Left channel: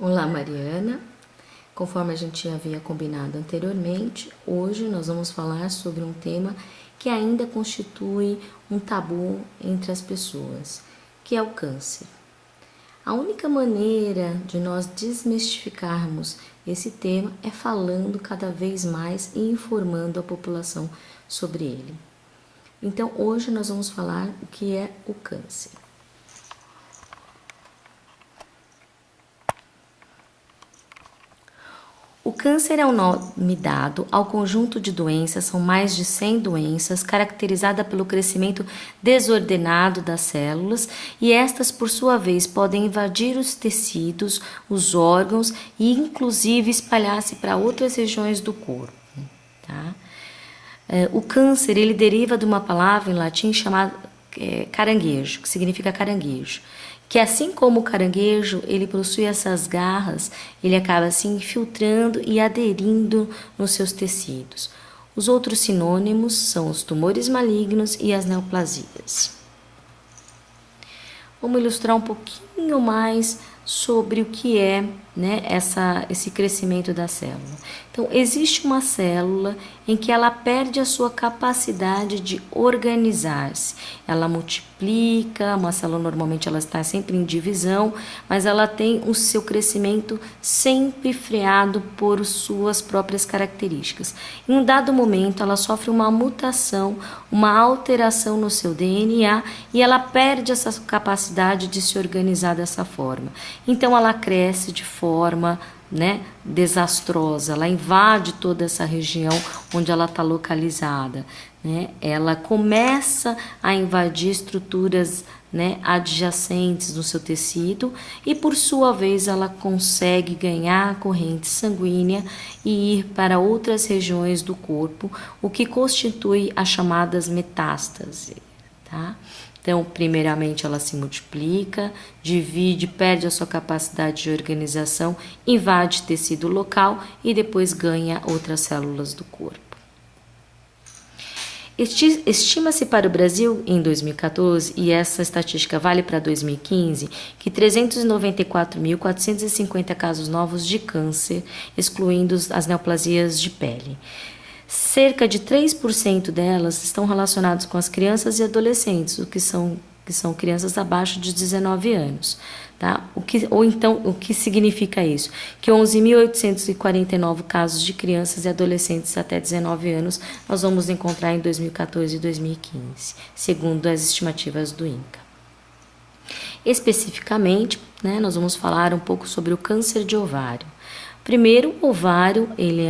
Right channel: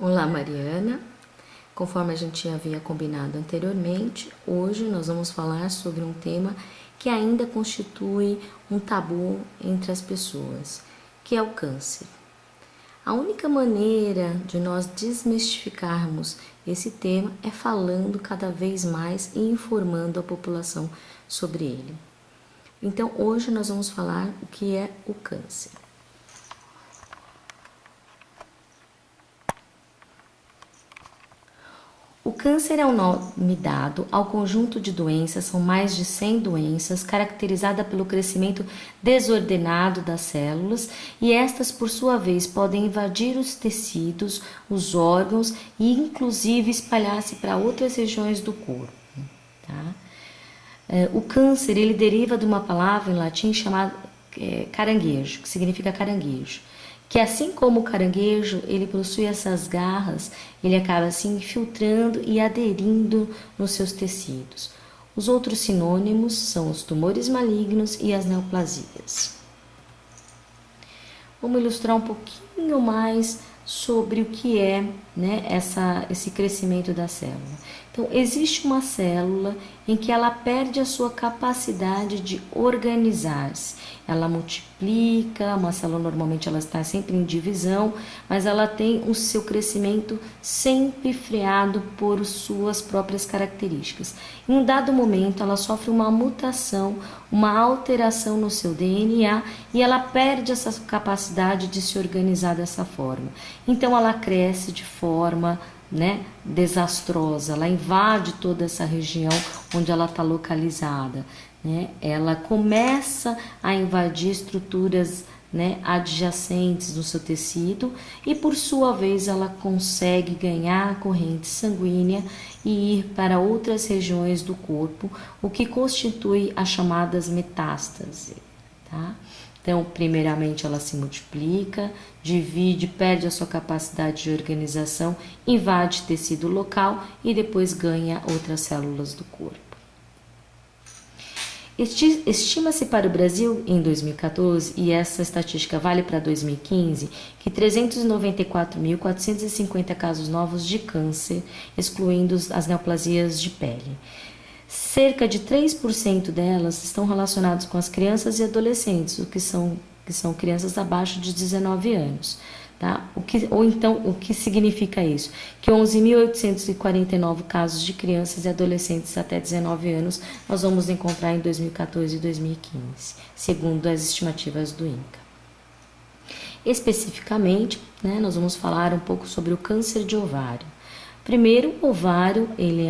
Olá, Mariana. Conforme a gente havia combinado anteriormente, hoje nós vamos falar sobre um tema que ainda constitui um tabu entre as pessoas, que é o câncer. A única maneira de nós desmistificarmos esse tema é falando cada vez mais e informando a população sobre ele. Então, hoje nós vamos falar o que é o câncer. O câncer é o nome dado ao conjunto de doenças, são mais de 100 doenças, caracterizada pelo crescimento desordenado das células, e estas, por sua vez, podem invadir os tecidos, os órgãos e, inclusive, espalhar-se para outras regiões do corpo. Tá? O câncer, ele deriva de uma palavra em latim chamada caranguejo, que significa caranguejo, que assim como o caranguejo, ele possui essas garras, ele acaba se infiltrando e aderindo nos seus tecidos. Os outros sinônimos são os tumores malignos e as neoplasias. Vamos ilustrar um pouquinho mais sobre o que é, esse crescimento da célula. Então, existe uma célula em que ela perde a sua capacidade de organizar-se. Ela multiplica, uma célula normalmente ela está sempre em divisão, mas ela tem o seu crescimento sempre freado por suas próprias características. Em um dado momento, ela sofre uma mutação, uma alteração no seu DNA e ela perde essa capacidade de se organizar dessa forma. Então, ela cresce de forma desastrosa, ela invade toda essa região onde ela está localizada, ela começa a invadir estruturas adjacentes no seu tecido e, por sua vez, ela consegue ganhar a corrente sanguínea e ir para outras regiões do corpo, o que constitui as chamadas metástases, tá? Então, primeiramente, ela se multiplica, divide, perde a sua capacidade de organização, invade tecido local e depois ganha outras células do corpo. Estima-se para o Brasil, em 2014, e essa estatística vale para 2015, que 394.450 casos novos de câncer, excluindo as neoplasias de pele. Cerca de 3% delas estão relacionadas com as crianças e adolescentes, o que são crianças abaixo de 19 anos. Tá? O que significa isso? Que 11.849 casos de crianças e adolescentes até 19 anos nós vamos encontrar em 2014 e 2015, segundo as estimativas do INCA. Especificamente, nós vamos falar um pouco sobre o câncer de ovário. Primeiro, o ovário, ele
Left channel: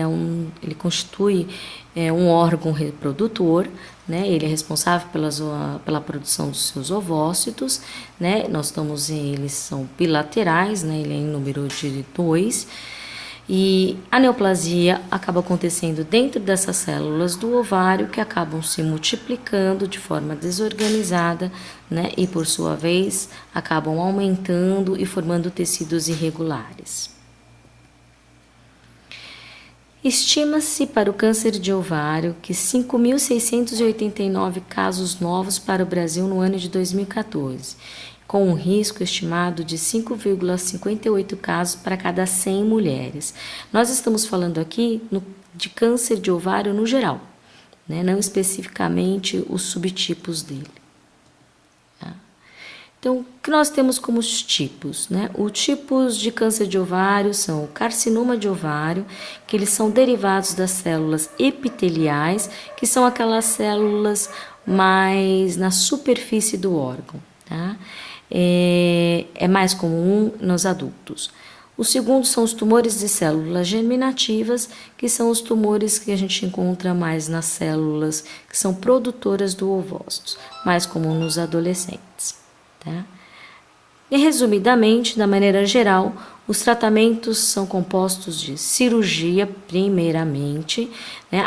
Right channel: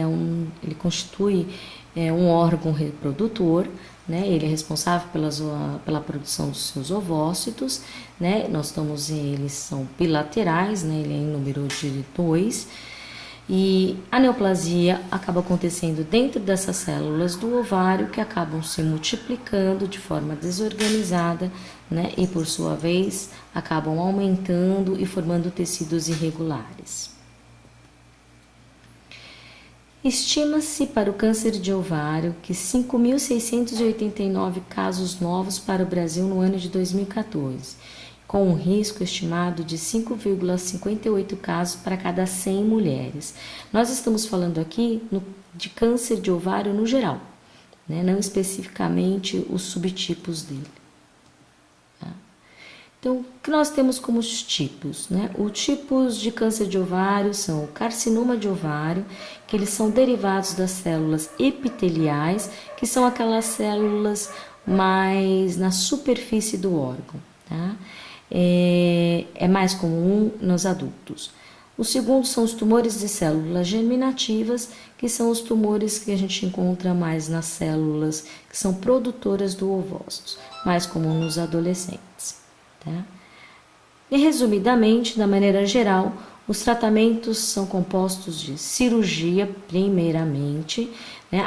constitui um órgão reprodutor, ele é responsável pela produção dos seus ovócitos, eles são bilaterais, ele é em número de 2, e a neoplasia acaba acontecendo dentro dessas células do ovário que acabam se multiplicando de forma desorganizada, e por sua vez acabam aumentando e formando tecidos irregulares. Estima-se para o câncer de ovário que 5.689 casos novos para o Brasil no ano de 2014, com um risco estimado de 5,58 casos para cada 100 mulheres. Nós estamos falando aqui de câncer de ovário no geral, não especificamente os subtipos dele. Então, o que nós temos como os tipos? Os tipos de câncer de ovário são o carcinoma de ovário, que eles são derivados das células epiteliais, que são aquelas células mais na superfície do órgão. Tá? É mais comum nos adultos. O segundo são os tumores de células germinativas, que são os tumores que a gente encontra mais nas células que são produtoras do ovócito, mais comum nos adolescentes. Tá? E resumidamente, da maneira geral, os tratamentos são compostos de cirurgia, primeiramente,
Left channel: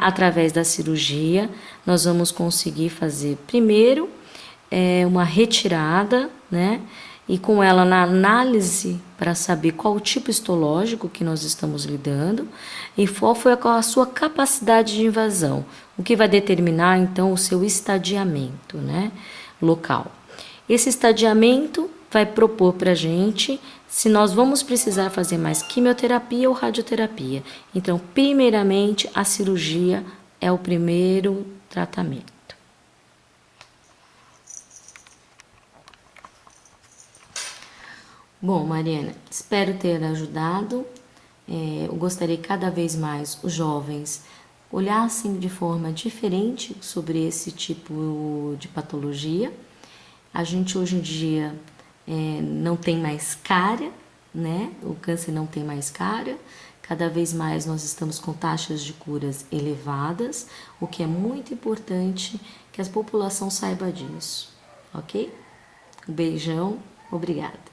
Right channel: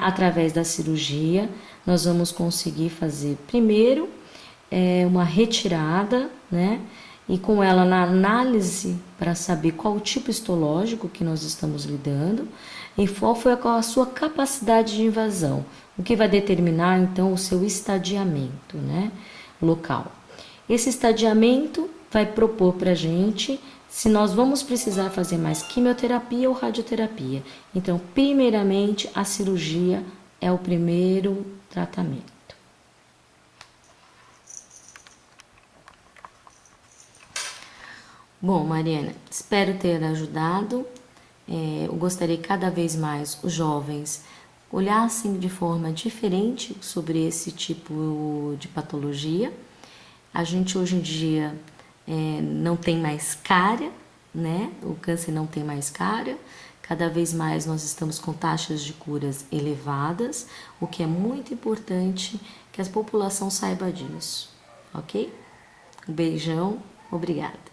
através da cirurgia, nós vamos conseguir fazer primeiro uma retirada, e com ela na análise para saber qual o tipo histológico que nós estamos lidando e qual foi a sua capacidade de invasão, o que vai determinar então o seu estadiamento, local. Esse estadiamento vai propor para a gente se nós vamos precisar fazer mais quimioterapia ou radioterapia. Então, primeiramente, a cirurgia é o primeiro tratamento. Bom, Mariana, espero ter ajudado. Eu gostaria que cada vez mais os jovens olhassem de forma diferente sobre esse tipo de patologia. A gente hoje em dia não tem mais cara, né? O câncer não tem mais cara. Cada vez mais nós estamos com taxas de curas elevadas, o que é muito importante que a população saiba disso, ok? Um beijão, obrigada.